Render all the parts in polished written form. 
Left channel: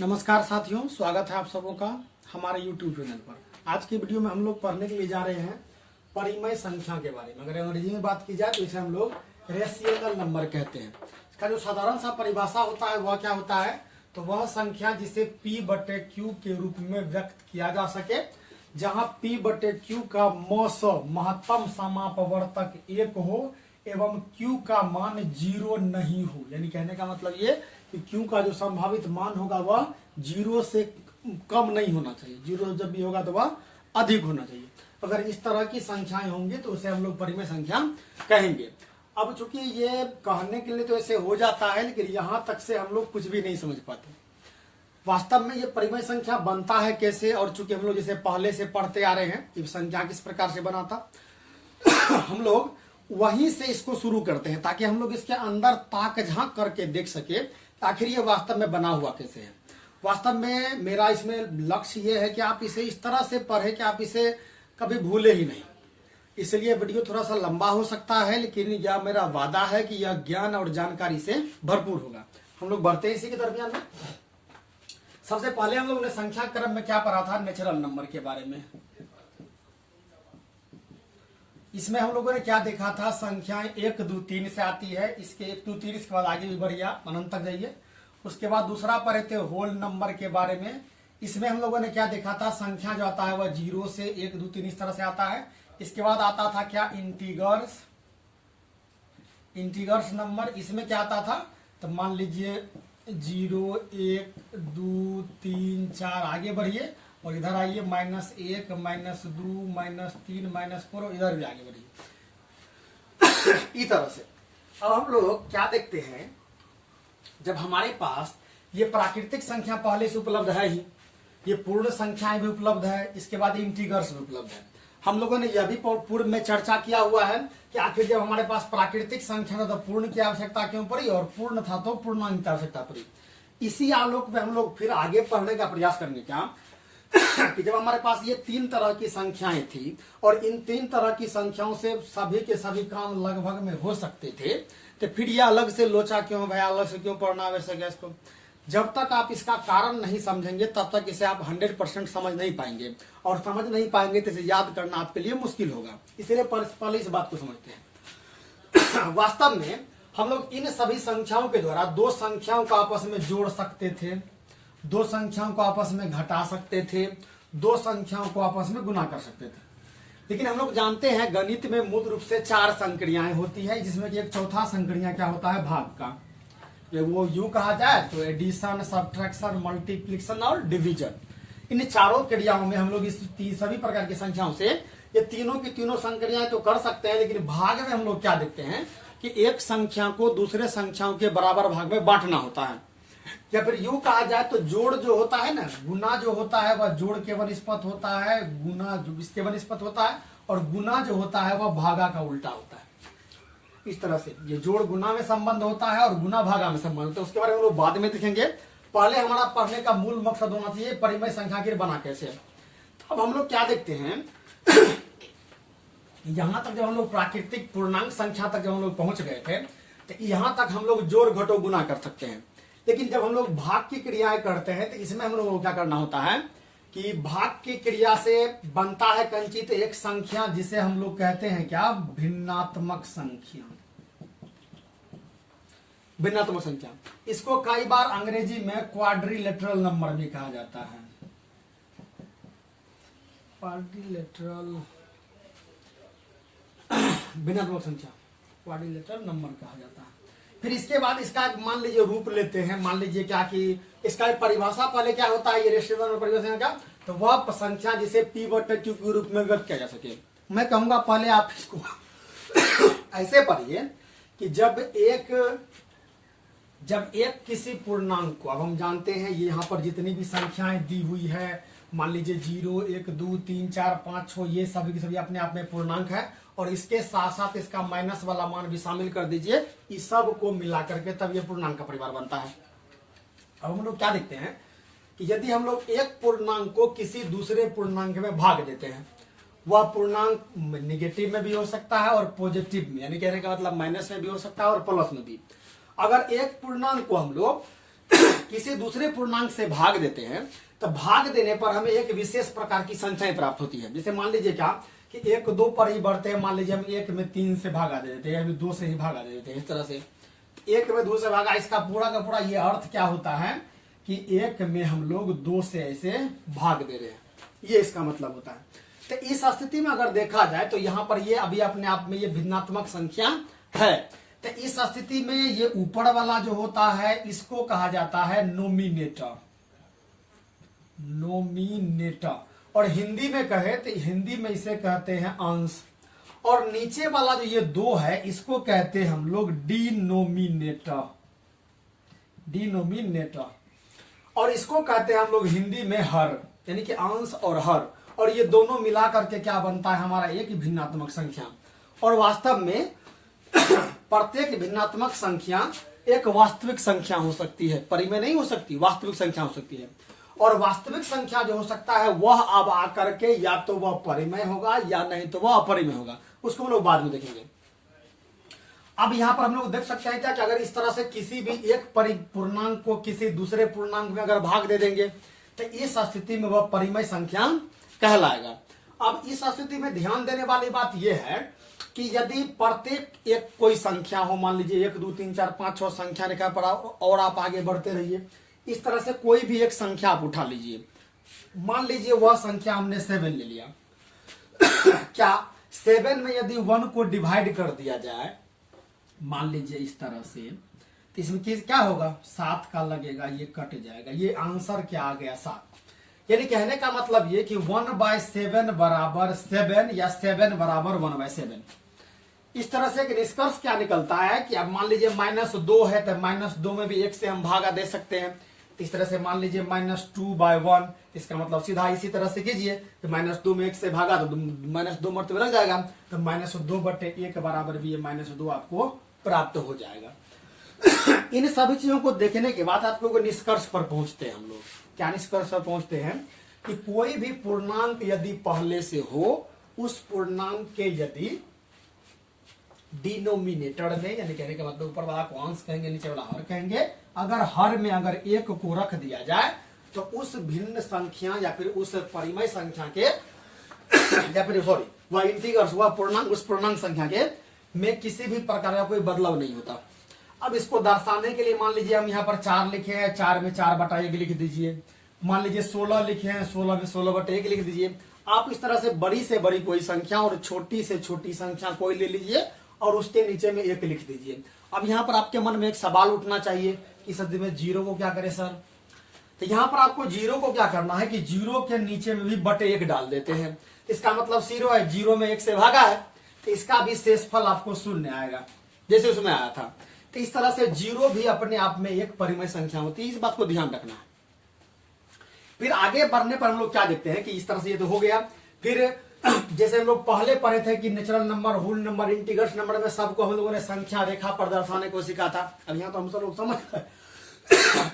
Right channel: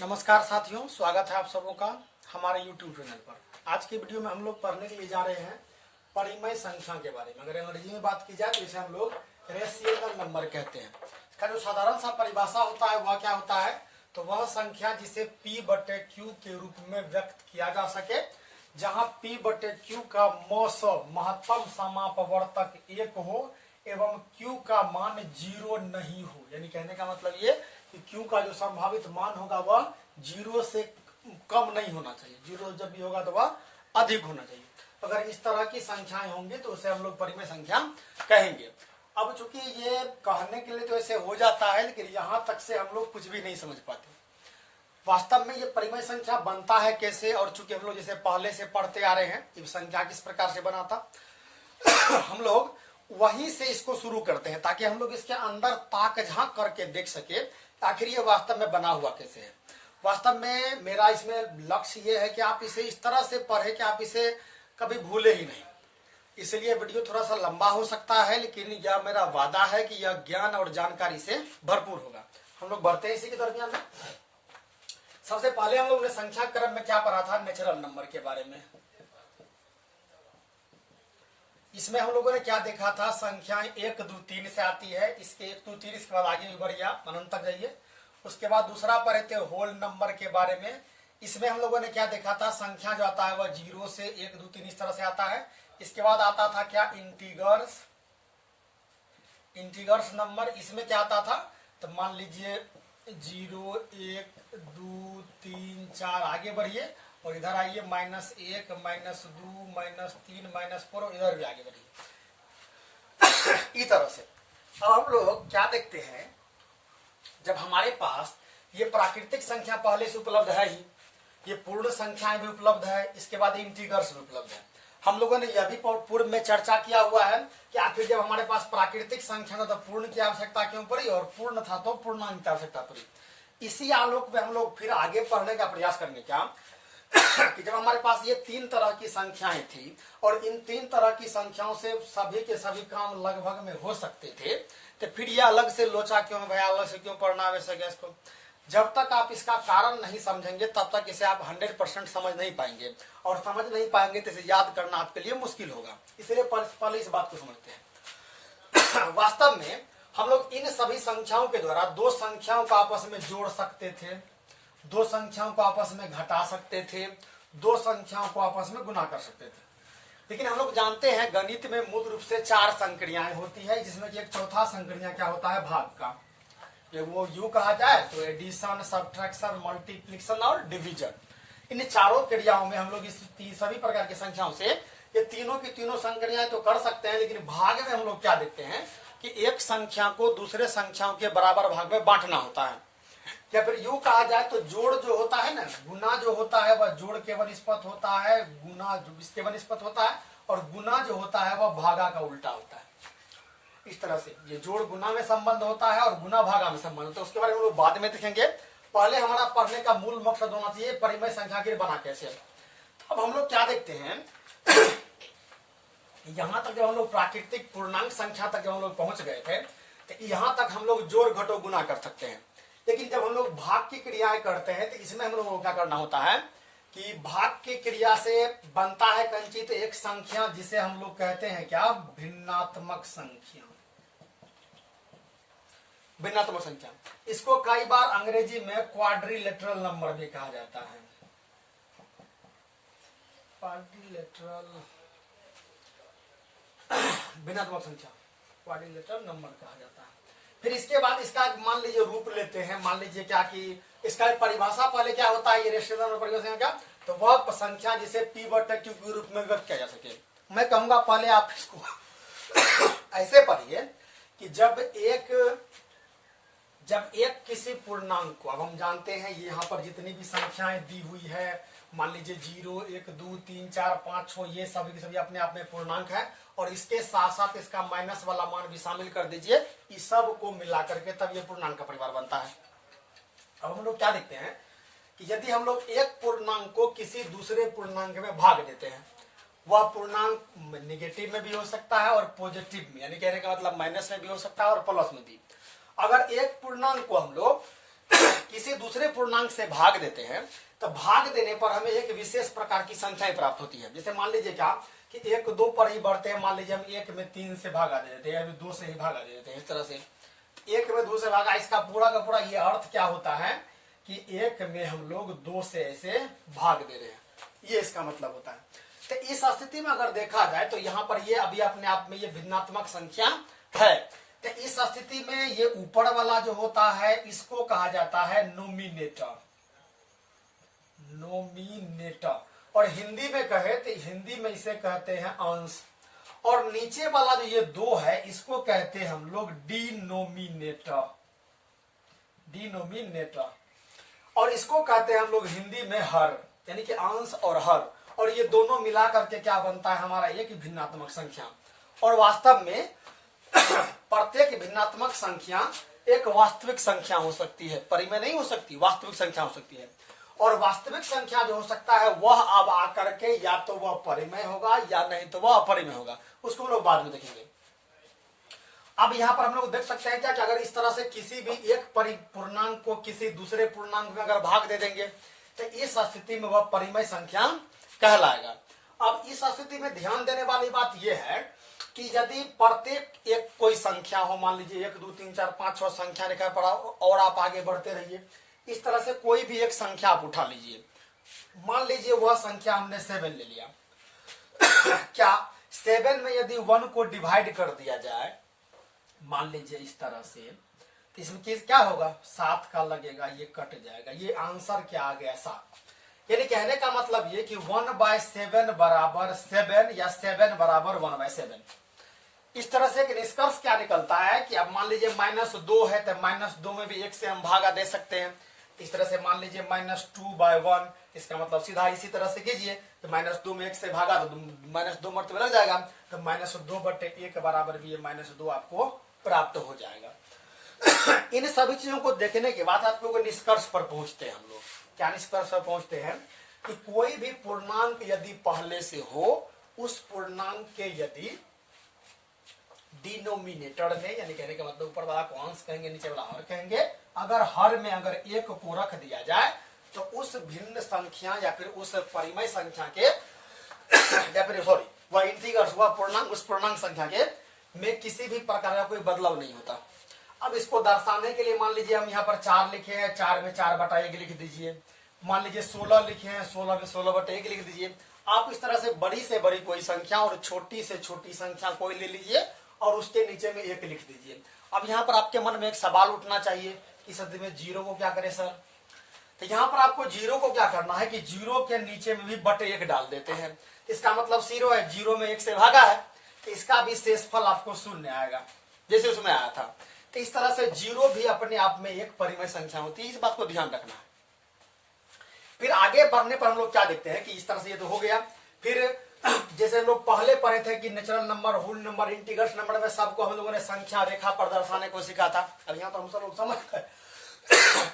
नमस्कार साथियों, स्वागत है आप सबों का हमारे YouTube चैनल पर। आज की वीडियो में हम लोग पढ़ने के लिए जा रहे हैं परिमेय संख्या के बारे में। अगर अंग्रेजी में बात की जाए तो इसे हम लोग रेशियल नंबर कहते हैं। इसका जो साधारण सा परिभाषा होता है वह क्या होता है, तो वह संख्या जिसे P/Q के रूप में व्यक्त किया जा सके, जहां P/Q का मौस महत्तम समापवर्तक 1 हो एवं Q का मान 0 नहीं हो। यानी कहने का मतलब ये कि Q का जो संभावित मान होगा वह 0 से कम नहीं होना चाहिए, 0 जब भी होगा तो वह अधिक होना चाहिए। अगर इस तरह की संख्याएं होंगी तो उसे हम लोग परिमेय संख्या कहेंगे। अब चूंकि ये कहने के लिए तो ऐसे हो जाता है, लेकिन यहां तक से हम लोग कुछ भी नहीं समझ पाते वास्तव में ये परिमेय संख्या बनता है कैसे। और चूंकि हम लोग जैसे पहले से पढ़ते आ रहे हैं कि संख्या किस प्रकार से बना था हम लोग वहीं से इसको शुरू करते हैं ताकि हम लोग इसके अंदर ताक झांक करके देख सके आखिर ये वास्तव में बना हुआ कैसे है। वास्तव में मेरा इसमें लक्ष्य ये है कि आप इसे इस तरह से पढ़े कि आप इसे कभी भूले ही नहीं। इसलिए वीडियो थोड़ा सा लंबा हो सकता है, लेकिन यह मेरा वादा है कि यह ज्ञान और जानकारी से भरपूर होगा। हम लोग बढ़ते हैं इसी के दरमियान में। सबसे पहले हम लोग ने संख्या क्रम में क्या पढ़ा था, नेचुरल नंबर के बारे में। इसमें हम लोगों ने क्या देखा था, संख्याएं 1 2 3 से आती है। इसके 1 2 3 इसके बाद आगे भी बढ़िया अनंत तक जाइए। उसके बाद दूसरा पढ़े थे होल नंबर के बारे में। इसमें हम लोगों ने क्या देखा था, संख्या जो आता है वह 0 से 1 2 3 इस तरह से आता है। इसके बाद आता था क्या, इंटीगर्स नंबर। इसमें क्या आता था, तो मान लीजिए 0 1 2 3 4 आगे बढ़िए और इधर आइए -1 -2 -3 -4 और इधर भी आगे बढ़िए इस तरह से। अब हम लोग क्या देखते हैं, जब हमारे पास ये प्राकृतिक संख्या पहले से उपलब्ध है ही, ये पूर्ण संख्याएं भी उपलब्ध है, इसके बाद इंटीगर्स भी उपलब्ध है। हम लोगों ने यह भी पूर्व में चर्चा किया हुआ है कि आखिर जब हमारे पास प्राकृतिक संख्या था तो पूर्ण की आवश्यकता क्यों पड़ी और पूर्ण था तो पूर्णांक की आवश्यकता पड़ी। इसी आलोक में हम लोग फिर आगे पढ़ने का प्रयास करेंगे क्या कि जब हमारे पास ये 3 तरह की संख्याएं थी और इन 3 तरह की संख्याओं से सभी के सभी काम लगभग में हो सकते थे, तो फिर यह अलग से लोचा क्यों है, अलग से क्यों पढ़ना आवश्यक है इसको। जब तक आप इसका कारण नहीं समझेंगे तब तक इसे आप 100% समझ नहीं पाएंगे, और समझ नहीं पाएंगे तो इसे याद करना आपके लिए मुश्किल होगा। इसलिए पहले इस बात को समझते हैं। वास्तव में हम लोग इन सभी संख्याओं के द्वारा 2 संख्याओं को आपस में जोड़ सकते थे, 2 संख्याओं को आपस में घटा सकते थे, 2 संख्याओं को आपस में गुना कर सकते थे। लेकिन हम लोग जानते हैं गणित में मूल रूप से 4 संक्रियाएं होती है, जिसमें कि एक चौथा संक्रिया क्या होता है, भाग का। ये वो यू कहा जाए तो एडिशन, सब्ट्रैक्शन, मल्टीप्लिकेशन और डिवीजन। इन चारों क्रियाओं में हम लोग इस सभी प्रकार की संख्याओं से ये तीनों की तीनों संक्रियाएं तो कर सकते हैं, लेकिन भाग में हम लोग क्या देखते हैं कि एक संख्या को दूसरे संख्याओं के बराबर भाग में बांटना होता है। या फिर यूं कहा जाए तो जोड़ जो होता है ना, गुना जो होता है वह जोड़ के वनिस्पत होता है, गुना जो इसके वनिस्पत होता है, और गुना जो होता है वह भागा का उल्टा होता है। इस तरह से ये जोड़ गुना में संबंध होता है और गुना भागा में संबंध होता है। उसके बारे में हम लोग बाद में देखेंगे। पहले हमारा पढ़ने का मूल मकसद होना चाहिए परिमेय संख्या के बना कैसे। अब हम लोग क्या देखते हैं यहां तक जब हम लोग प्राकृतिक पूर्णांक संख्या तक जब हम लोग पहुंच गए थे, तो यहां तक हम लोग जोड़ घटो गुना कर सकते हैं। लेकिन जब हम लोग भाग की क्रियाएं करते हैं तो इसमें हम लोगों को क्या करना होता है कि भाग की क्रिया से बनता है कंचित एक संख्या जिसे हम लोग कहते हैं क्या, भिन्नात्मक संख्या। भिन्नात्मक संख्या, इसको कई बार अंग्रेजी में क्वाड्रिलेटरल नंबर भी कहा जाता है। क्वाड्रिलेटरल भिन्नात्मक संख्या, क्वाड्रिलेटरल नंबर कहा जाता है। फिर इसके बाद इसका मान लीजिए रूप लेते हैं। मान लीजिए क्या कि इसका परिभाषा पहले क्या होता है, ये रेशियल नंबर परिभाषा क्या, तो वह संख्या जिसे P/Q के रूप में व्यक्त किया जा सके। मैं कहूंगा पहले आप इसको ऐसे पढ़िए कि जब एक किसी पूर्णांक को, अब हम जानते हैं ये यहाँ पर जितनी भी संख्याएं दी हुई है, मान लीजिए 0 1 2 3 4 5 6, ये सभी की सभी अपने आप में पूर्णांक है, और इसके साथ साथ इसका माइनस वाला मान भी शामिल कर दीजिए। इस सब को मिला करके तब ये पूर्णांक का परिवार बनता है। अब हम लोग क्या देखते हैं कि यदि हम लोग एक पूर्णांक को किसी दूसरे पूर्णांक में भाग देते हैं, वह पूर्णांक नेगेटिव में भी हो सकता है और पॉजिटिव में, यानी कहने का मतलब माइनस में भी हो सकता है और प्लस में भी। अगर एक पूर्णांक को हम लोग किसी किसी दूसरे पूर्णांक से भाग देते हैं तो भाग देने पर हमें एक विशेष प्रकार की संख्याएं प्राप्त होती है। जैसे मान लीजिए क्या कि 1 2 पर ही बढ़ते हैं, मान लीजिए हम 1 में 3 से भागा दे देते हैं, अभी 2 से ही भागा दे देते हैं। इस तरह से 1 में 2 से भागा, इसका पूरा का पूरा ये अर्थ क्या होता है कि 1 में हम लोग 2 से ऐसे भाग दे रहे हैं, ये इसका मतलब होता है। तो इस स्थिति में अगर देखा जाए तो यहाँ पर ये अभी अपने आप में ये भिन्नात्मक संख्या है। तो इस स्थिति में ये ऊपर वाला जो होता है इसको कहा जाता है नोमिनेटर, नोमिनेटर। और हिंदी में कहे तो हिंदी में इसे कहते हैं अंश। और नीचे वाला जो ये 2 है इसको कहते हैं हम लोग डिनोमिनेटर, डिनोमिनेटर। और इसको कहते हैं हम लोग हिंदी में हर, यानी कि अंश और हर। और ये दोनों मिला करके क्या बनता है हमारा एक ही भिन्नात्मक संख्या। और वास्तव में प्रत्येक भिन्नात्मक संख्या एक वास्तविक संख्या हो सकती है, परिमेय नहीं हो सकती, वास्तविक संख्या हो सकती है। और वास्तविक संख्या जो हो सकता है वह अब आकर के या तो वह परिमेय होगा या नहीं तो वह अपरिमेय होगा, उसको हम लोग बाद में देखेंगे। अब यहां पर हम लोग देख सकते हैं क्या कि अगर इस तरह से किसी भी एक पूर्णांक को किसी दूसरे पूर्णांक में अगर भाग दे देंगे तो इस स्थिति में वह परिमेय संख्या कहलाएगा। अब इस स्थिति में ध्यान देने वाली बात यह है कि यदि प्रत्येक एक कोई संख्या हो, मान लीजिए 1 2 3 4 5 6 संख्या लिखा पड़ा और आप आगे बढ़ते रहिए, इस तरह से कोई भी एक संख्या आप उठा लीजिए। मान लीजिए वह संख्या हमने 7 ले लिया। क्या 7 में यदि 1 को डिवाइड कर दिया जाए, मान लीजिए इस तरह से, तो इसमें क्या होगा, 7 का लगेगा, ये कट जाएगा, ये आंसर क्या आ गया 7। यानी कहने का मतलब ये कि 1/7 बराबर 7 या 7 बराबर 1/7। इस तरह से एक निष्कर्ष क्या निकलता है कि अब मान लीजिए -2 है तो -2 में भी 1 से हम भागा दे सकते हैं। इस तरह से मान लीजिए -2/1, इसका मतलब सीधा इसी तरह से कीजिए तो -2 में 1 से भागा तो -2 मरतबे रह जाएगा, तो -2/1 बराबर भी ये -2 आपको प्राप्त हो जाएगा। इन सभी चीजों को देखने के बाद आप लोग निष्कर्ष पर पहुंचते हैं। हम लोग क्या निष्कर्ष पर पहुंचते हैं कि कोई भी पूर्णांक यदि पहले से हो, उस पूर्णांक के यदि डिनोमिनेटर में, यानी कहने का मतलब ऊपर वाला को अंश कहेंगे, नीचे वाला हर कहेंगे, अगर हर में अगर 1 को रख दिया जाए तो उस भिन्न संख्या या फिर उस परिमेय संख्या के या फिर सॉरी वह इंटीग्रल्स, वह पूर्णांक, उस पूर्णांक संख्या के में किसी भी प्रकार का कोई बदलाव नहीं होता। अब इसको दर्शाने के लिए मान लीजिए हम यहाँ पर 4 लिखे हैं, 4 में 4/1 लिख दीजिए। मान लीजिए 16 लिखे हैं, 16 में 16/1 लिख दीजिए। आप इस तरह से बड़ी कोई संख्या और छोटी से छोटी संख्या कोई ले लीजिए और उसके नीचे में 1 लिख दीजिए। अब यहाँ पर आपके मन में एक सवाल उठना चाहिए कि सर में 0 को क्या करें सर, तो यहाँ पर आपको 0 को क्या करना है कि 0 के नीचे में भी /1 डाल देते हैं। इसका मतलब 0 है, 0 में 1 से भागा है तो इसका भी शेषफल आपको 0 आएगा जैसे उसमें आया था। तो इस तरह से 0 भी अपने आप में एक परिमेय संख्या होती है, इस बात को ध्यान रखना है। फिर आगे बढ़ने पर हम लोग क्या देखते हैं कि इस तरह से ये तो हो गया। फिर जैसे हम लोग पहले पढ़े थे कि natural number, whole number, integrals number में सबको हम लोगों ने संख्या रेखा पर दर्शाने को सीखा था। अब यहाँ पर हम सब लोग समझ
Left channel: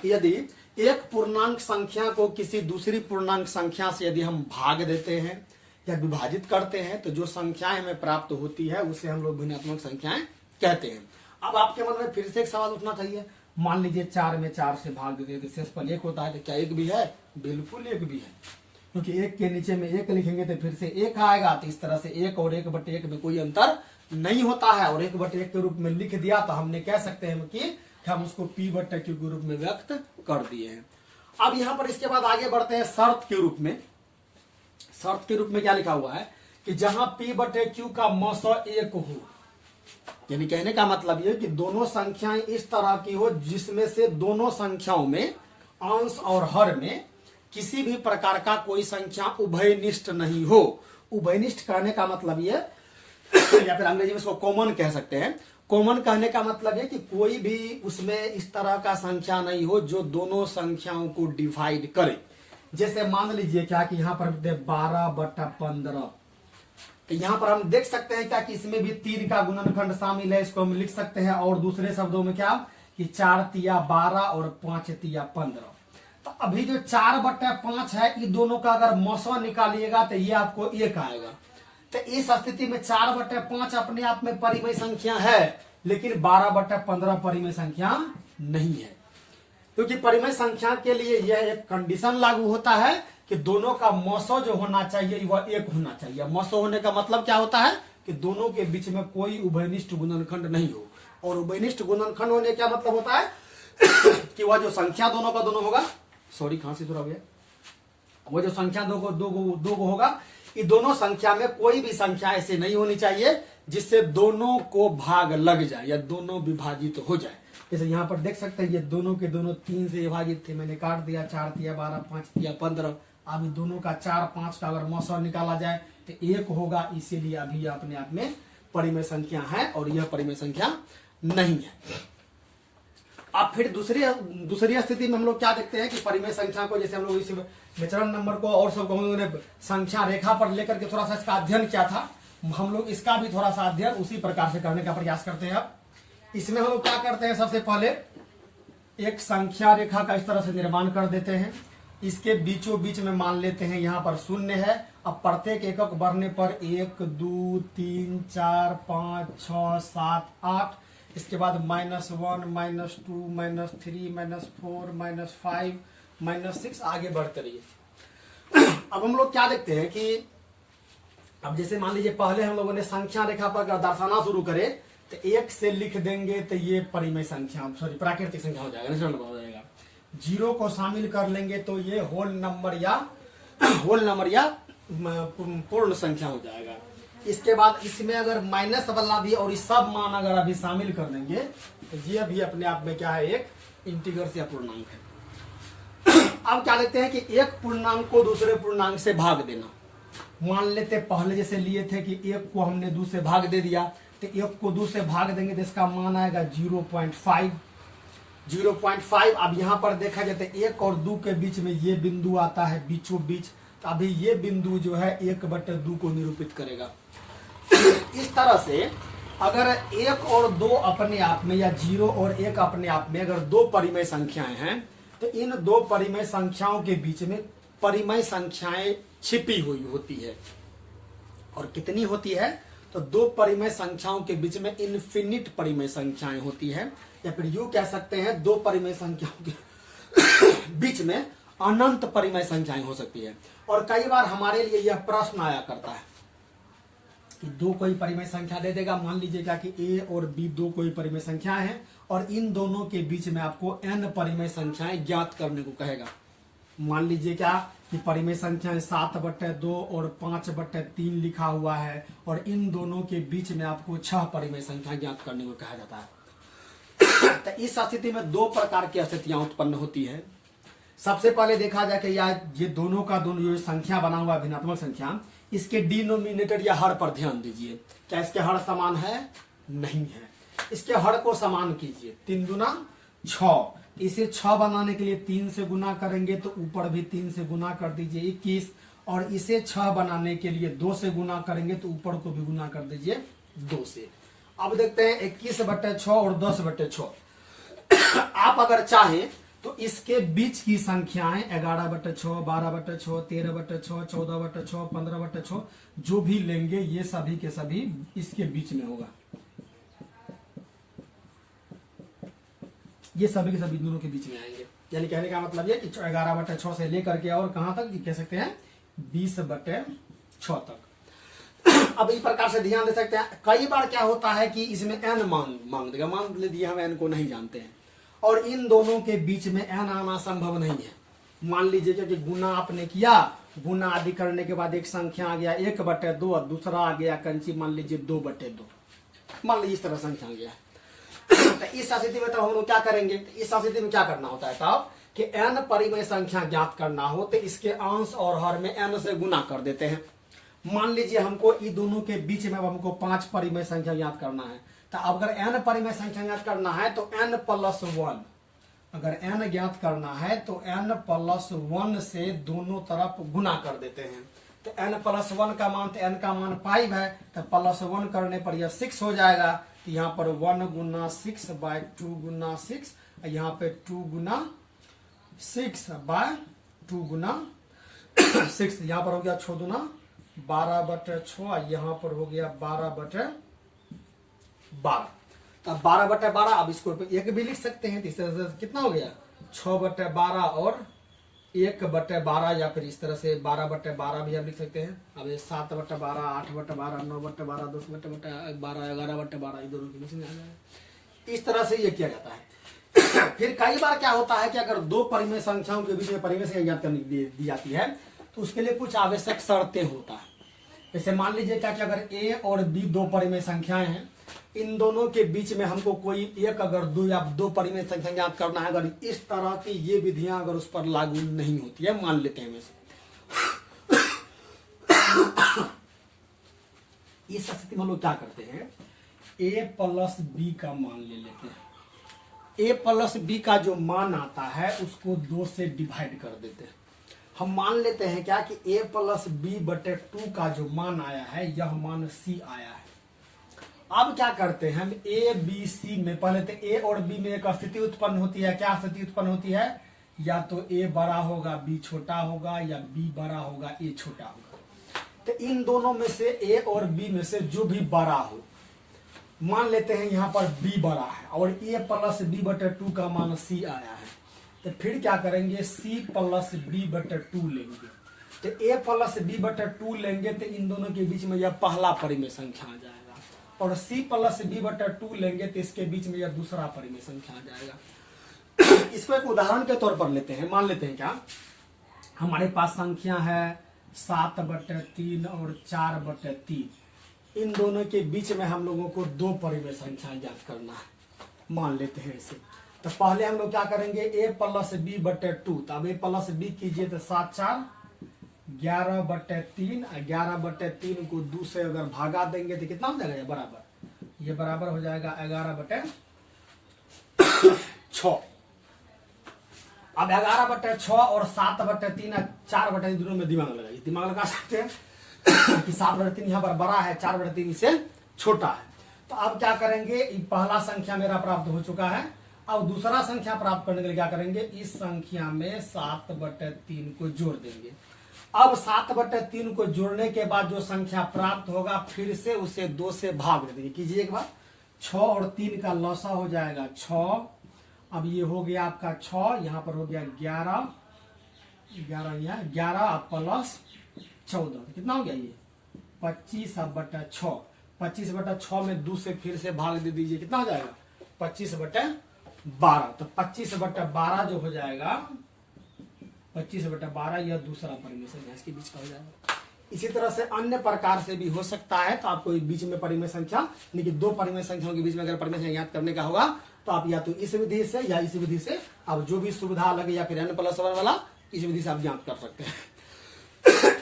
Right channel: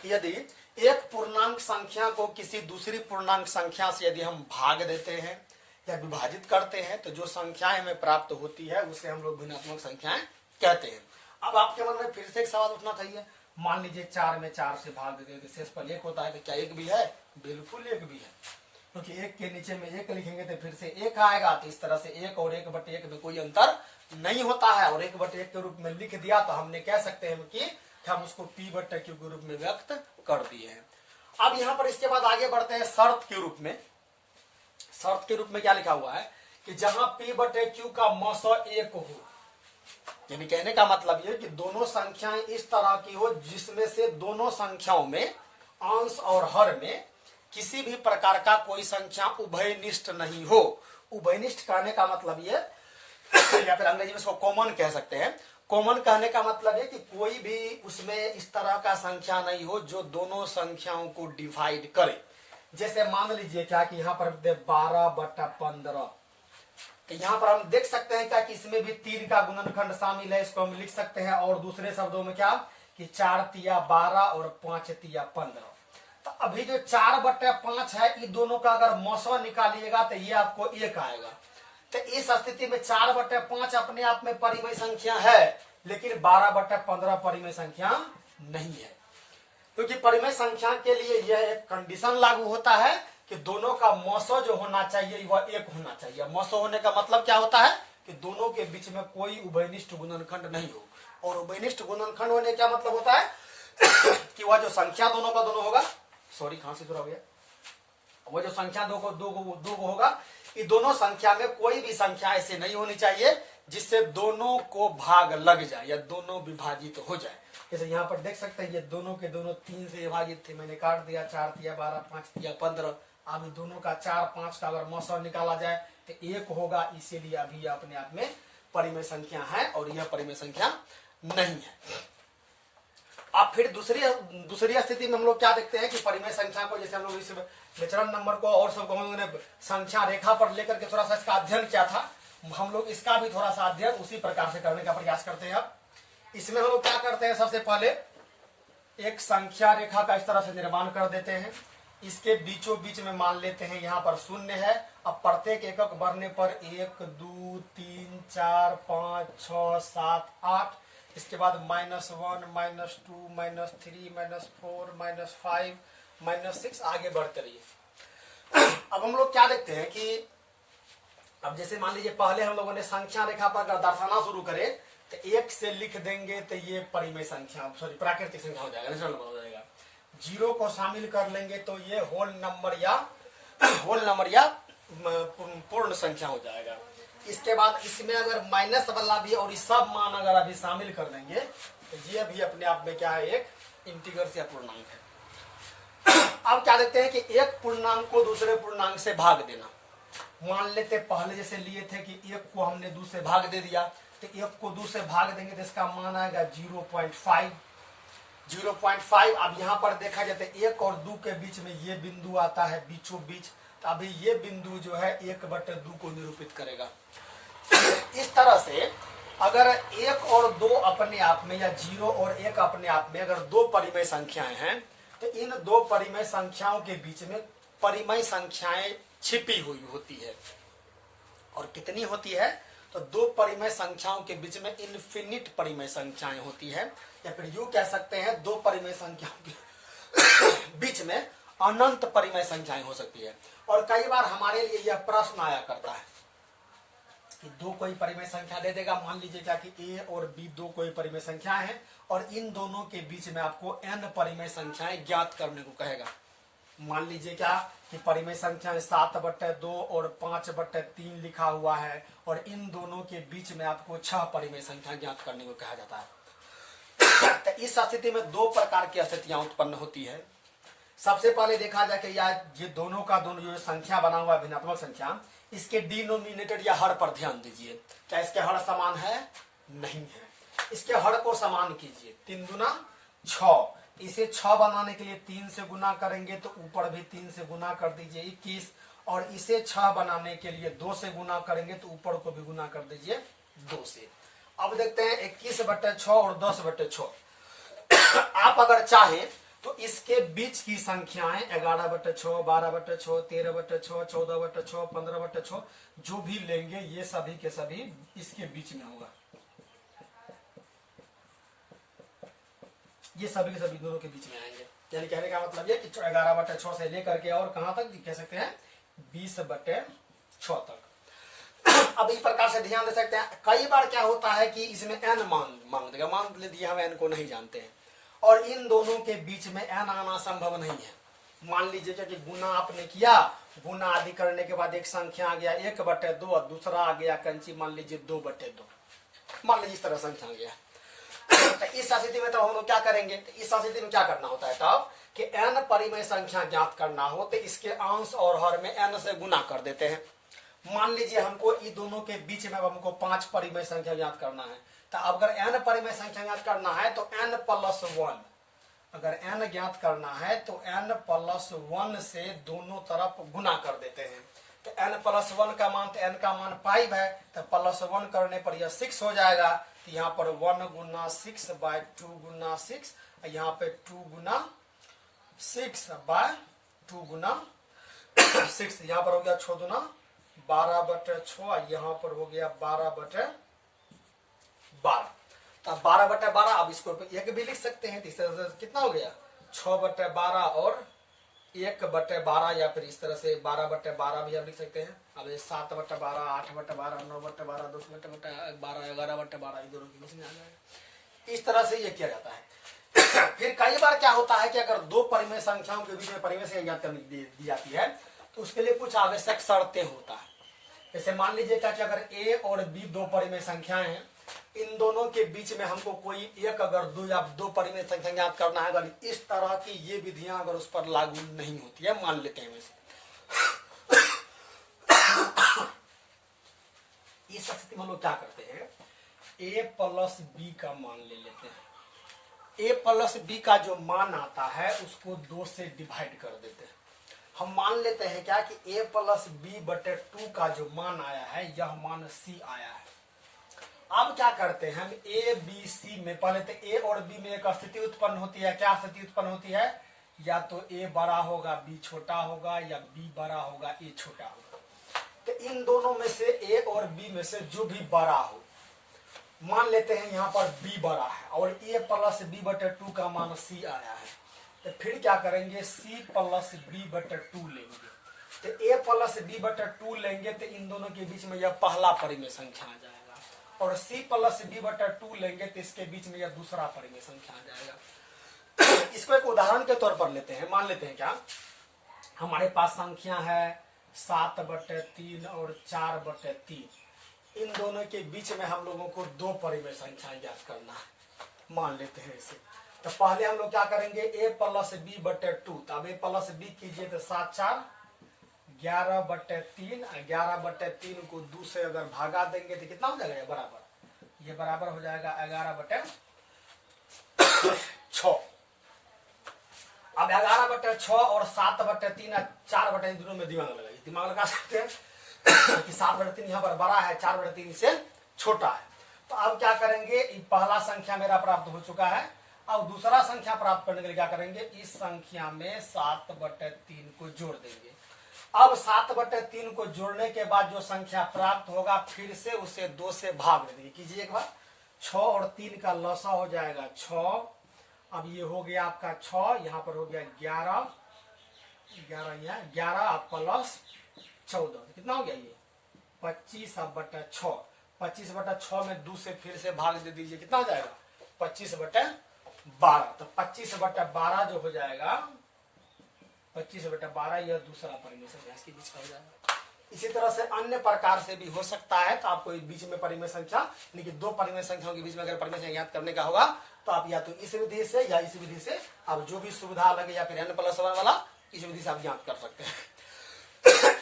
कि यदि एक पूर्णांक संख्या को किसी दूसरी पूर्णांक संख्या से यदि हम भाग देते हैं या विभाजित करते हैं तो जो संख्याएं हमें प्राप्त होती है उसे हम लोग भिन्नात्मक संख्याएं कहते हैं। अब आपके मन में फिर से एक सवाल उठना चाहिए, मान लीजिए 4 में 4 से भाग देते तो शेषफल 1 होता है, तो क्या 1 भी है? बिल्कुल 1 भी है, क्योंकि 1 के नीचे में 1 लिखेंगे तो फिर से 1 आएगा। तो इस तरह से 1 और 1/1 में कोई अंतर नहीं होता है, और 1/1 के रूप में लिख दिया तो हमने कह सकते हैं कि हम उसको p/q के रूप में व्यक्त कर दिए हैं। अब यहां पर इसके बाद आगे बढ़ते हैं शर्त के रूप में। शर्त के रूप में क्या लिखा हुआ है कि जहां p/q का मस 1 हो, यानी कहने का मतलब ये कि दोनों संख्याएं इस तरह की हो जिसमें से दोनों संख्याओं में अंश और हर में किसी भी प्रकार का कोई संख्या उभयनिष्ठ नहीं हो। उभयनिष्ठ कहने का मतलब ये या फिर अंग्रेजी में इसको कॉमन कह सकते हैं। कॉमन कहने का मतलब है कि कोई भी उसमें इस तरह का संख्या नहीं हो जो दोनों संख्याओं को डिवाइड करे। जैसे मान लीजिए क्या कि यहाँ पर 12/15, तो यहाँ पर हम देख सकते हैं क्या कि इसमें भी 3 का गुणनखंड शामिल है, इसको हम लिख सकते हैं। और दूसरे शब्दों में क्या कि 4 तिया 12 और 5 तिया 15। तो अभी जो 4/5 है, इन दोनों का अगर मौसा निकालिएगा तो ये आपको 1 आएगा। तो इस स्थिति में 4/5 अपने आप में परिमेय संख्या है, लेकिन 12/15 परिमेय संख्या नहीं है। क्योंकि परिमेय संख्या के लिए यह एक कंडीशन लागू होता है कि दोनों का मौसो जो होना चाहिए वह एक होना चाहिए। मौसो होने का मतलब क्या होता है कि दोनों के बीच में कोई उभयनिष्ठ गुणनखंड नहीं हो। और उभयनिष्ठ गुणनखंड होने का मतलब होता है कि वह जो संख्या दोनों का दोनों होगा, सॉरी खांसी थोड़ा हो गया, वो जो संख्या दो को होगा, ये दोनों संख्या में कोई भी संख्या ऐसे नहीं होनी चाहिए जिससे दोनों को भाग लग जाए या दोनों विभाजित हो जाए। जैसे यहाँ पर देख सकते हैं ये दोनों के दोनों 3 से विभाजित थे, मैंने काट दिया, 4 दिया 12, 5 दिया 15। अभी दोनों का 4, 5 का अगर मौसम निकाला जाए तो 1 होगा, इसीलिए अभी यह अपने आप में परिमेय संख्या है और यह परिमेय संख्या नहीं है। अब फिर दूसरी स्थिति में हम लोग क्या देखते हैं कि परिमेय संख्या को, जैसे हम लोग इस नेचुरल नंबर को और सबको हम लोगों ने संख्या रेखा पर लेकर के थोड़ा सा इसका अध्ययन किया था, हम लोग इसका भी थोड़ा सा अध्ययन उसी प्रकार से करने का प्रयास करते हैं। अब इसमें हम लोग क्या करते हैं, सबसे पहले एक संख्या रेखा का इस तरह से निर्माण कर देते हैं। इसके बीचों बीच में मान लेते हैं यहाँ पर 0 है। अब प्रत्येक एकक बढ़ने पर 1, 2, 3, 4, 5, 6, 7, 8, इसके बाद -1, -2, -3, -4, -5, -6 आगे बढ़ते रहिए। अब हम लोग क्या देखते हैं कि अब जैसे मान लीजिए पहले हम लोगों ने संख्या रेखा पर अगर दर्शाना शुरू करे तो 1 से लिख देंगे तो ये परिमेय संख्या, सॉरी प्राकृतिक संख्या हो जाएगा, नेचुरल नंबर हो जाएगा। 0 को शामिल कर लेंगे तो ये होल नंबर या पूर्ण संख्या हो जाएगा। इसके बाद इसमें अगर माइनस वाला भी और इस सब मान अगर अभी शामिल कर लेंगे तो ये भी अपने आप में क्या है, एक इंटीग्रल या पूर्णांक है। अब क्या देखते हैं कि एक पूर्णांक को दूसरे पूर्णांक से भाग देना। मान लेते पहले जैसे लिए थे कि 1 को हमने 2 से भाग दे दिया, तो 1 को 2 से भाग देंगे तो इसका मान आएगा 0.5। अब यहां पर देखा जाता है 1 और 2 के बीच में ये बिंदु आता है बीचों बीच, तो अभी ये बिंदु जो है 1/2 को निरूपित करेगा। इस तरह से अगर 1 और 2 अपने आप में या 0 और 1 अपने आप में अगर 2 परिमेय संख्याएं हैं तो इन 2 परिमेय संख्याओं के बीच में परिमेय संख्याएं छिपी हुई होती है। और कितनी होती है, तो 2 परिमेय संख्याओं के बीच में इनफिनिट परिमेय संख्याएं होती है, या फिर यूं कह सकते हैं 2 परिमेय संख्याओं के बीच में अनंत परिमेय संख्याएं हो सकती है। और कई बार हमारे लिए यह प्रश्न आया करता है कि 2 कोई परिमेय संख्या दे देगा, मान लीजिएगा कि A और B 2 कोई परिमेय संख्या है और इन दोनों के बीच में आपको n परिमेय संख्याएं ज्ञात करने को कहेगा। मान लीजिए क्या कि परिमेय संख्या 7/2 और 5/3 लिखा हुआ है और इन दोनों के बीच में आपको 6 परिमेय संख्या ज्ञात करने को कहा जाता है। तो इस स्थिति में 2 प्रकार की स्थितियां उत्पन्न होती है। सबसे पहले देखा जाए कि यार ये दोनों का दोनों जो संख्या बना हुआ है भिन्नात्मक संख्या, इसके डिनोमिनेटर या हर पर ध्यान दीजिए। क्या इसके हर समान है? नहीं है। इसके हर को समान कीजिए। 3 दूना 6, इसे 6 बनाने के लिए 3 से गुना करेंगे तो ऊपर भी 3 से गुना कर दीजिए 21, और इसे 6 बनाने के लिए 2 से गुना करेंगे तो ऊपर को भी गुना कर दीजिए 2 से। अब देखते हैं 21/6 और 10/6। आप अगर चाहें तो इसके बीच की संख्याएं 11/6, 12/6, 13/6, 14/6, 15/6 जो भी लेंगे ये सभी के सभी इसके बीच में होगा। ये सभी के सभी दोनों के बीच में आएंगे। यानी कहने का मतलब ये कि 11/6 से लेकर के और कहां तक कह सकते हैं 20/6 तक। अब इस प्रकार से ध्यान दे सकते हैं। कई बार क्या होता है कि इसमें n मांग देगा, मान लीजिए हम n को नहीं जानते हैं और इन दोनों के बीच में n आना संभव नहीं है। मान लीजिए कि गुना आपने किया, गुना आदि करने के बाद एक संख्या आ गया 1/2 और दूसरा आ गया कंची मान लीजिए 2/2, मान लीजिए इस तरह संख्या आ गया। तो इस स्थिति में तो हम लोग क्या करेंगे, इस स्थिति में क्या करना होता है तब कि n परिमेय संख्या ज्ञात करना हो तो इसके अंश और हर में n से गुना कर देते हैं। मान लीजिए हमको इन दोनों के बीच में अब हमको 5 परिमेय संख्या ज्ञात करना है, तो अगर n परिमेय संख्या ज्ञात करना है तो n+1, अगर n ज्ञात करना है तो n+1 से दोनों तरफ गुना कर देते हैं। तो n+1 का मान, तो n का मान 5 है, तो +1 करने पर यह 6 हो जाएगा। तो यहाँ पर 1 गुना 6/2 गुना 6, यहाँ पे 2 गुना 6/2 गुना 6, यहाँ पर हो गया 6 दूना 12/6, यहाँ पर हो गया 12/12। तो 12/12, अब इसको 1 भी लिख सकते हैं। तो इस तरह से कितना हो गया 6/12 और 1/12, या फिर इस तरह से 12/12 भी आप लिख सकते हैं। अब ये 7/12, 8/12, 9/12, 10/12, 11/12 ये दोनों के बीच में आ जाएगा। इस तरह से ये किया जाता है। फिर कई बार क्या होता है कि अगर दो परिमेय संख्याओं के बीच में परिमेय संख्या ज्ञात करने दी जाती है तो उसके लिए कुछ आवश्यक शर्तें होता है। जैसे मान लीजिए क्या कि अगर ए और बी दो परिमेय संख्याएं हैं, इन दोनों के बीच में हमको कोई एक अगर दो या दो परिमेय संख्या ज्ञात करना है, अगर इस तरह की ये विधियां अगर उस पर लागू नहीं होती है, मान लेते हैं वैसे इस स्थिति में हम लोग क्या करते हैं, ए प्लस बी का मान ले लेते हैं। ए प्लस बी का जो मान आता है उसको 2 से डिवाइड कर देते हैं। हम मान लेते हैं क्या कि a प्लस बी बटे 2 का जो मान आया है यह मान c आया है। अब क्या करते हैं हम a b c में, पहले तो a और b में एक स्थिति उत्पन्न होती है। क्या स्थिति उत्पन्न होती है, या तो a बड़ा होगा b छोटा होगा, या b बड़ा होगा a छोटा होगा। तो इन दोनों में से a और b में से जो भी बड़ा हो, मान लेते हैं यहाँ पर b बड़ा है और a प्लस बी बटे 2 का मान c आया है, तो फिर क्या करेंगे c प्लस बी बटे 2 लेंगे। तो a प्लस बी बटे 2 लेंगे तो इन दोनों के बीच में यह पहला परिमेय संख्या आ जाएगा, और c प्लस बी बटे 2 लेंगे तो इसके बीच में यह दूसरा परिमेय संख्या आ जाएगा। इसको एक उदाहरण के तौर पर लेते हैं। मान लेते हैं क्या हमारे पास संख्या है 7/3 और 4/3। इन दोनों के बीच में हम लोगों को दो परिमेय संख्या ज्ञात करना है। मान लेते हैं इसे। तो पहले हम लोग क्या करेंगे, a प्लस बी बटे 2। तो अब a प्लस बी कीजिए तो 7×4 11/3, 11/3 को 2 से अगर भागा देंगे तो कितना हो जाएगा, ये बराबर, ये बराबर हो जाएगा 11/6। अब 11/6 और 7/3 4/3 दोनों में दिमाग लगाइए, दिमाग लगा सकते हैं कि 7/3 यहाँ पर बड़ा है, 4/3 से छोटा है। तो अब क्या करेंगे, पहला संख्या मेरा प्राप्त हो चुका है। अब दूसरा संख्या प्राप्त करने के लिए क्या करेंगे, इस संख्या में 7/3 को जोड़ देंगे। अब 7/3 को जोड़ने के बाद जो संख्या प्राप्त होगा फिर से उसे 2 से भाग देंगे। कीजिए एक बार, 6 और 3 का लसा हो जाएगा 6। अब ये हो गया आपका 6, यहाँ पर हो गया 11, 11 प्लस 14 कितना हो गया, ये 25/6। 25/6 में 2 से फिर से भाग दे दीजिए, कितना हो जाएगा 25/12। तो 25/12 जो हो जाएगा 25/12, यह दूसरा परिमेय संख्या इसके बीच का हो जाएगा। इसी तरह से अन्य प्रकार से भी हो सकता है। तो आपको बीच में परिमेय संख्या, यानी कि दो परिमेय संख्याओं के बीच में अगर परिमेय संख्या याद करने का होगा तो आप या तो इस विधि से या इस विधि से, आप जो भी सुविधा लगे, या फिर n+1 वाला, इस विधि से आप ज्ञात कर सकते हैं।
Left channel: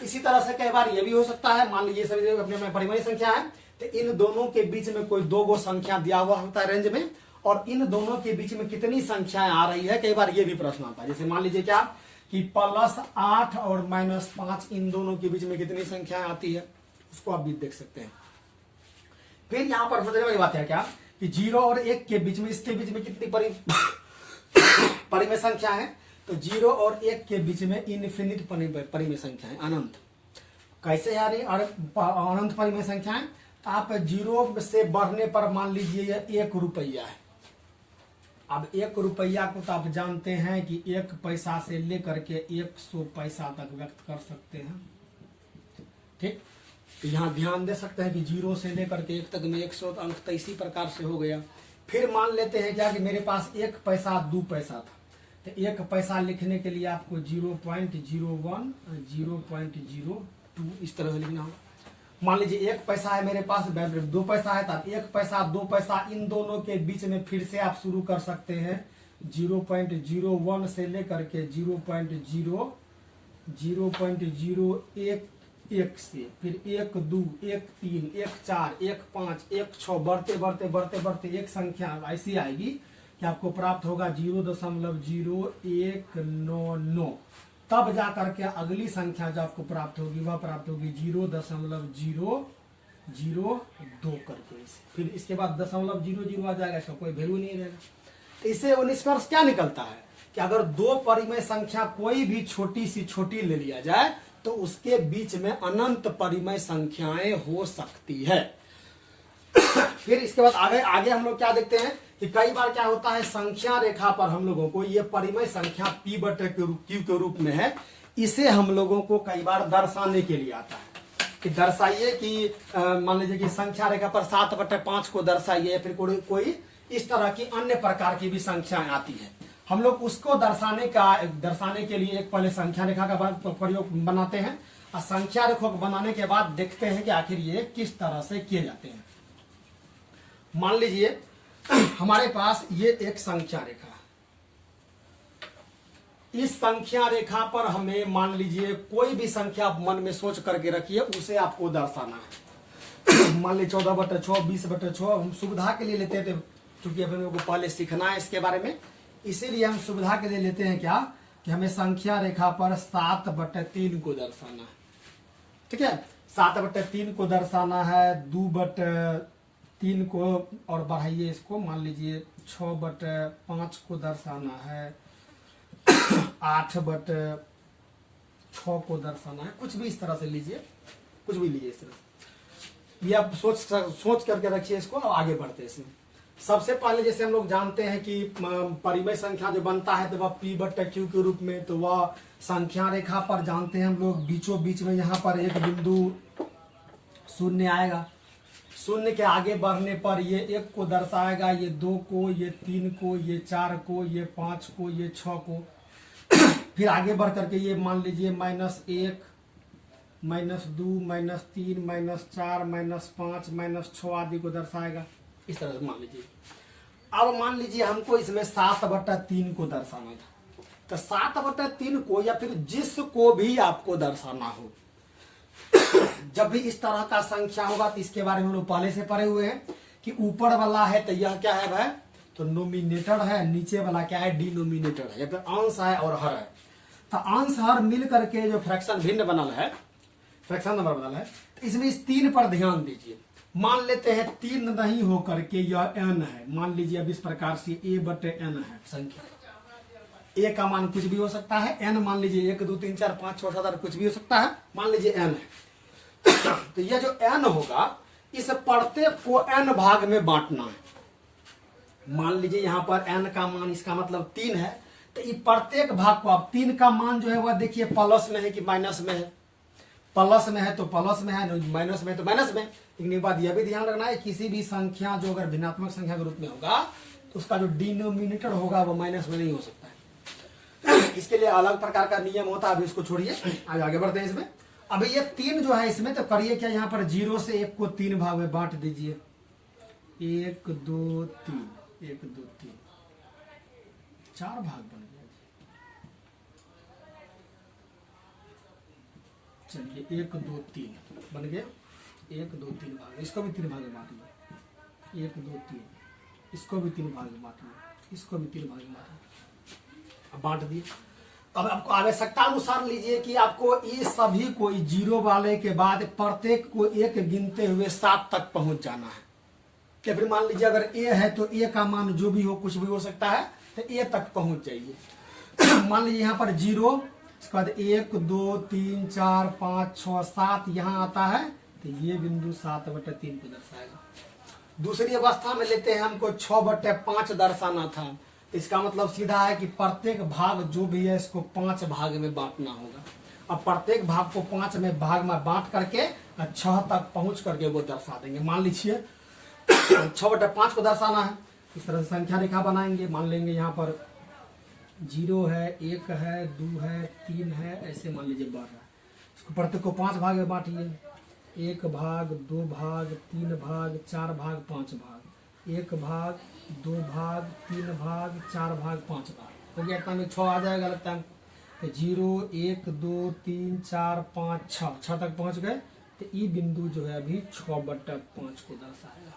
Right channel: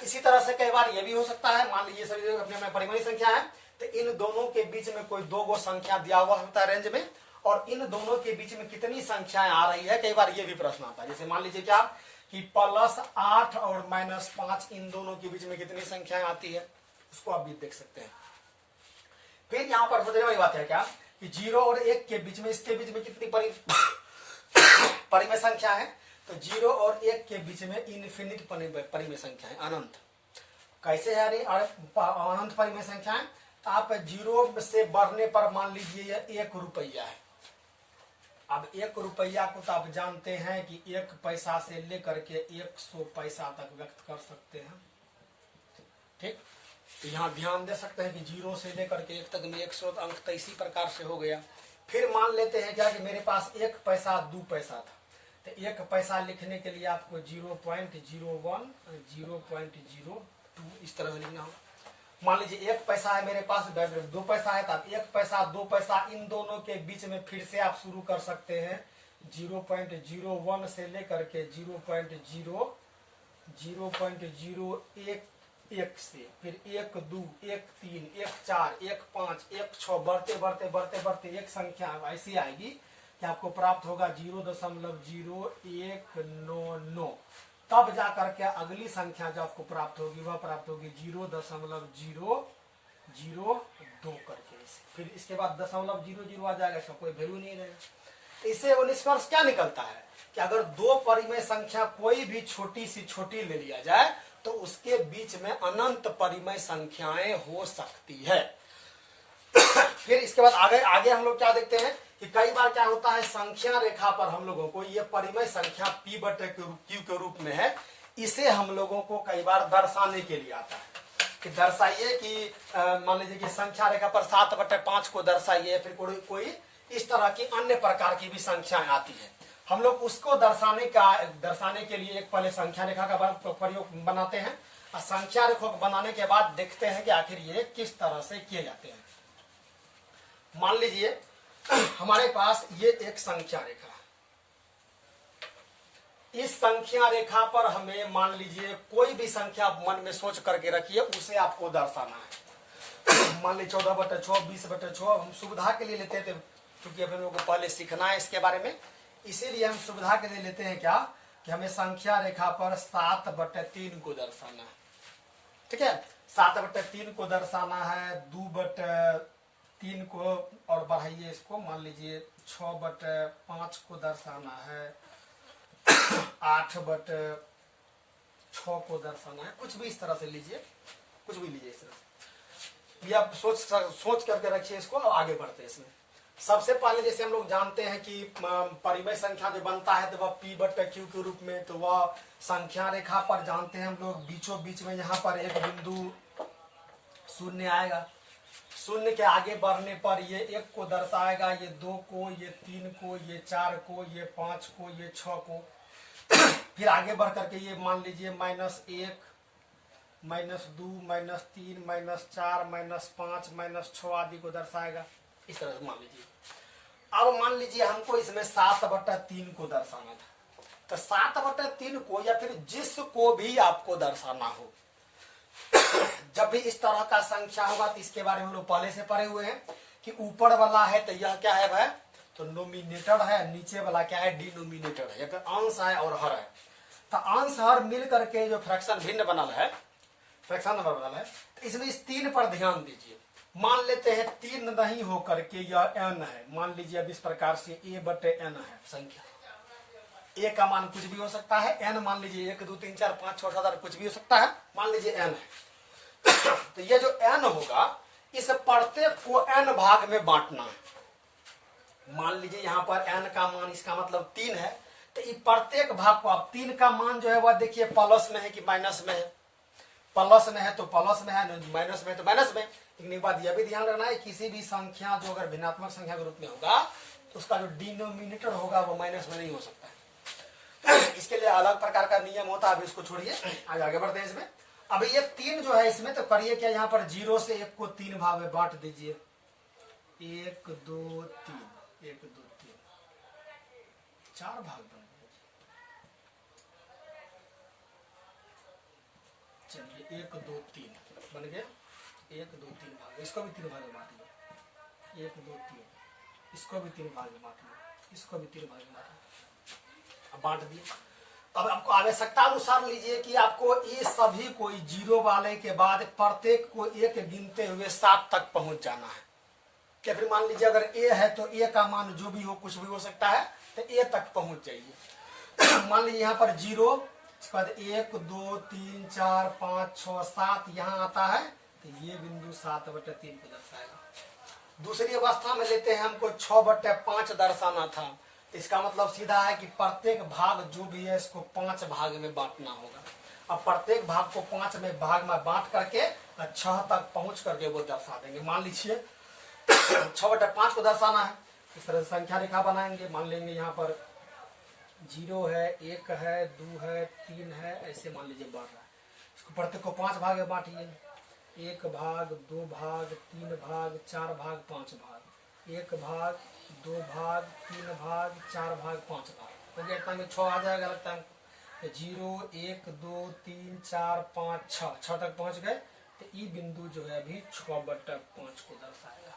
इसी तरह से कई बार यह भी हो सकता है, मान लीजिए सभी अपने में परिमेय संख्या है, तो इन दोनों के बीच में कोई 2 गो संख्या दिया हुआ होता है रेंज में, और इन दोनों के बीच में कितनी संख्याएं आ रही है, कई बार ये भी प्रश्न आता है। जैसे मान लीजिए क्या कि +8 और -5 इन दोनों के बीच में कितनी संख्याएं आती है, उसको आप भी देख सकते हैं। फिर यहां पर समझने वाली बात है क्या कि 0 और 1 के बीच में, इसके बीच में कितनी परिमेय संख्या है, तो 0 और 1 के बीच में इनफिनिट परिमेय संख्या है, अनंत। कैसे है अनंत परिमेय संख्या है, तो आप 0 से बढ़ने पर मान लीजिए यह 1 रुपया है। अब 1 रुपया को तो आप जानते हैं कि 1 पैसा से लेकर के 100 पैसा तक व्यक्त कर सकते हैं, ठीक। तो यहाँ ध्यान दे सकते हैं कि 0 से लेकर के 1 तक में 100 अंक तो इसी प्रकार से हो गया। फिर मान लेते हैं क्या कि मेरे पास 1 पैसा 2 पैसा था, तो 1 पैसा लिखने के लिए आपको 0.01 0.02 इस तरह लिखना होगा। मान लीजिए 1 पैसा है मेरे पास, 2 पैसा है, तब 1 पैसा 2 पैसा इन दोनों के बीच में फिर से आप शुरू कर सकते हैं 0.01 से लेकर के 0.01 से, फिर 1 2 1 3 1 4 1 5 1 6 बढ़ते बढ़ते बढ़ते बढ़ते एक संख्या ऐसी आएगी कि आपको प्राप्त होगा 0.0199। तब जाकर के अगली संख्या जो आपको प्राप्त होगी वह प्राप्त होगी 0.002 करके। फिर इसके बाद 0.00 आ जाएगा, इसका कोई वैल्यू नहीं रहेगा। इससे वो निष्कर्ष क्या निकलता है कि अगर दो परिमेय संख्या कोई भी छोटी सी छोटी ले लिया जाए तो उसके बीच में अनंत परिमेय संख्याएं हो सकती है। फिर इसके बाद आगे हम लोग क्या देखते हैं कि कई बार क्या होता है, संख्या रेखा पर हम लोगों को ये परिमेय संख्या p बटे क्यू के रूप में है, इसे हम लोगों को कई बार दर्शाने के लिए आता है कि दर्शाइए कि मान लीजिए कि संख्या रेखा पर 7/5 को दर्शाइए, फिर कोई इस तरह की अन्य प्रकार की भी संख्याएं आती है। हम लोग उसको दर्शाने के लिए एक पहले संख्या रेखा का प्रयोग बनाते हैं और संख्या रेखा को बनाने के बाद देखते हैं कि आखिर ये किस तरह से किए जाते हैं। मान लीजिए हमारे पास ये एक संख्या रेखा, इस संख्या रेखा पर हमें मान लीजिए कोई भी संख्या मन में सोच करके रखिए, उसे आपको दर्शाना है। मान लीजिए 14/6, 20/6 हम सुविधा के लिए लेते थे, क्योंकि हम लोगों को पहले सीखना है इसके बारे में, इसीलिए हम सुविधा के लिए लेते हैं क्या कि हमें संख्या रेखा पर 7/3 को दर्शाना है। ठीक है, 7/3 को दर्शाना है, 2/3 को और बढ़ाइए इसको, मान लीजिए 6/5 को दर्शाना है, 8/6 को दर्शाना है, कुछ भी इस तरह से लीजिए, कुछ भी लीजिए इस तरह से। ये आप सोच करके रखिए इसको और आगे बढ़ते हैं इसमें। सबसे पहले जैसे हम लोग जानते हैं कि परिमेय संख्या जो बनता है तो वह p बटे q के रूप में, तो वह संख्या रेखा पर जानते हैं हम लोग बीचों बीच में यहाँ पर एक बिंदु शून्य आएगा। शून्य के आगे बढ़ने पर ये 1 को दर्शाएगा, ये 2 को, ये 3 को, ये 4 को, ये 5 को, ये 6 को। फिर आगे बढ़ करके ये मान लीजिए -1, -2, -3, -4, -5, -6 आदि को दर्शाएगा, इस तरह से मान लीजिए। अब मान लीजिए हमको इसमें 7/3 को दर्शाना था, तो 7/3 को या फिर जिसको भी आपको दर्शाना हो, जब भी इस तरह का संख्या होगा तो इसके बारे में हम लोग पहले से पढ़े हुए हैं कि ऊपर वाला है तो यह क्या है भाई, तो नोमिनेटर है, नीचे वाला क्या है, डिनोमिनेटर है, या फिर अंश है और हर है। तो अंश हर मिल करके जो फ्रैक्शन भिन्न बनल है, फ्रैक्शन नंबर बनल है, तो इसमें इस 3 पर ध्यान दीजिए। मान लेते हैं 3 नहीं हो करके यह n है, मान लीजिए अब इस प्रकार से a/n है संख्या, a का मान कुछ भी हो सकता है, n मान लीजिए 1 2 3 4 5 6 7 8 कुछ भी हो सकता है, मान लीजिए n है। तो ये जो n होगा इस प्रत्येक को n भाग में बांटना है। मान लीजिए यहाँ पर n का मान, इसका मतलब 3 है, तो ये प्रत्येक भाग को आप 3 का मान जो है वह देखिए प्लस में है कि माइनस में है, प्लस में है तो प्लस में है, माइनस में है तो माइनस में। लेकिन एक बात यह भी ध्यान रखना है, किसी भी संख्या जो अगर भिन्नात्मक संख्या के रूप में होगा तो उसका जो डिनोमिनेटर होगा वो माइनस में नहीं हो सकता है। इसके लिए अलग प्रकार का नियम होता है, अभी इसको छोड़िए, आज आगे बढ़ते हैं इसमें। अभी ये 3 जो है इसमें, तो करिए क्या, यहाँ पर 0 से 1 को 3 भाग में बांट दीजिए, 1 2 3, 1 2 3, 4 भाग बन गया। चलिए 1 2 3 बन गया, 1 2 3 भाग, इसको भी 3 भाग में बांट लिया, 1 2 3, इसको भी 3 भाग में बांट लिया, इसको भी 3 भाग में बांट लिया, अब बांट दिए। अब आपको आवश्यकता अनुसार लीजिए कि आपको ये सभी को 0 वाले के बाद प्रत्येक को 1 गिनते हुए 7 तक पहुंच जाना है। या फिर मान लीजिए अगर a है तो a का मान जो भी हो, कुछ भी हो सकता है, तो a तक पहुंच जाइए। मान लीजिए यहाँ पर 0, इसके बाद 1 2 3 4 5 6 7 यहाँ आता है, तो ये बिंदु 7/3 को दर्शाएगा। दूसरी अवस्था में लेते हैं, हमको 6/5 दर्शाना था, इसका मतलब सीधा है कि प्रत्येक भाग जो भी है इसको 5 भाग में बांटना होगा। अब प्रत्येक भाग को 5 में भाग में बांट करके 6 तक पहुंच करके वो दर्शा देंगे। मान लीजिए 6/5 को दर्शाना है, इस तरह से संख्या रेखा बनाएंगे। मान लेंगे यहाँ पर 0 है, 1 है, 2 है, 3 है, ऐसे मान लीजिए बढ़ रहा है। इसको प्रत्येक को 5 भाग में बांटिए, 1 भाग, 2 भाग, 3 भाग, 4 भाग, 5 भाग, 1 भाग, 2 भाग, 3 भाग, 4 भाग, 5 भाग हो गया। इतना में 6 आ जाएगा लगता है हमको। 0 1 2 3 4 5 6 तक पहुंच गए, तो ये बिंदु जो है अभी 6/5 को दर्शाएगा।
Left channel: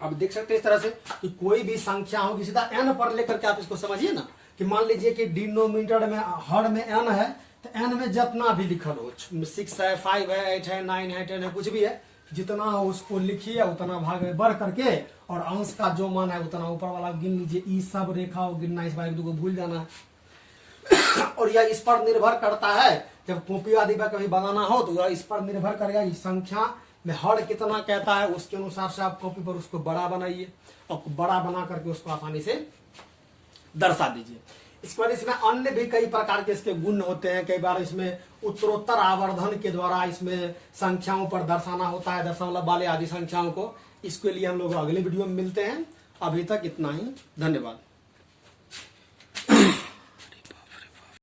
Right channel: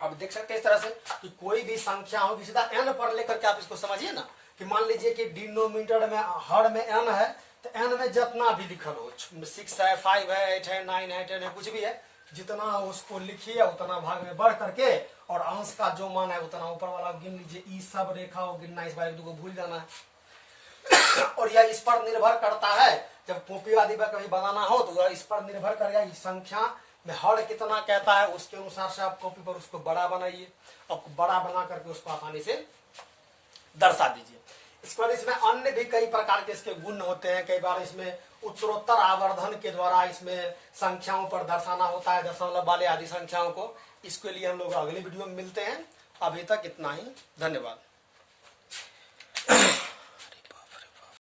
अब देख सकते हैं इस तरह से कि कोई भी संख्या होगी सीधा n पर लेकर के आप इसको समझिए ना, कि मान लीजिए कि डिनोमिनेटर में हर में n है, तो n में जितना भी लिखल हो, 6 है, 5 है, 8 है, 9 है, 10 है, कुछ भी है, जितना हो उसको लिखिए, उतना भाग में बढ़ करके, और अंश का जो मान है उतना ऊपर वाला गिन लीजिए। ये सब रेखा गिनना, इस बार 1 2 को भूल जाना है। और यह इस पर निर्भर करता है, जब कॉपी आदि पर कभी बनाना हो तो यह इस पर निर्भर करेगा, इस संख्या में हर कितना कहता है उसके अनुसार से आप कॉपी पर उसको बड़ा बनाइए और बड़ा बना करके उसको आसानी से दर्शा दीजिए। इसके बाद इसमें अन्य भी कई प्रकार के इसके गुण होते हैं। कई बार इसमें उत्तरोत्तर आवर्धन के द्वारा इसमें संख्याओं पर दर्शाना होता है, दशमलव वाले आदि संख्याओं को। इसके लिए हम लोग अगले वीडियो में मिलते हैं। अभी तक इतना ही, धन्यवाद।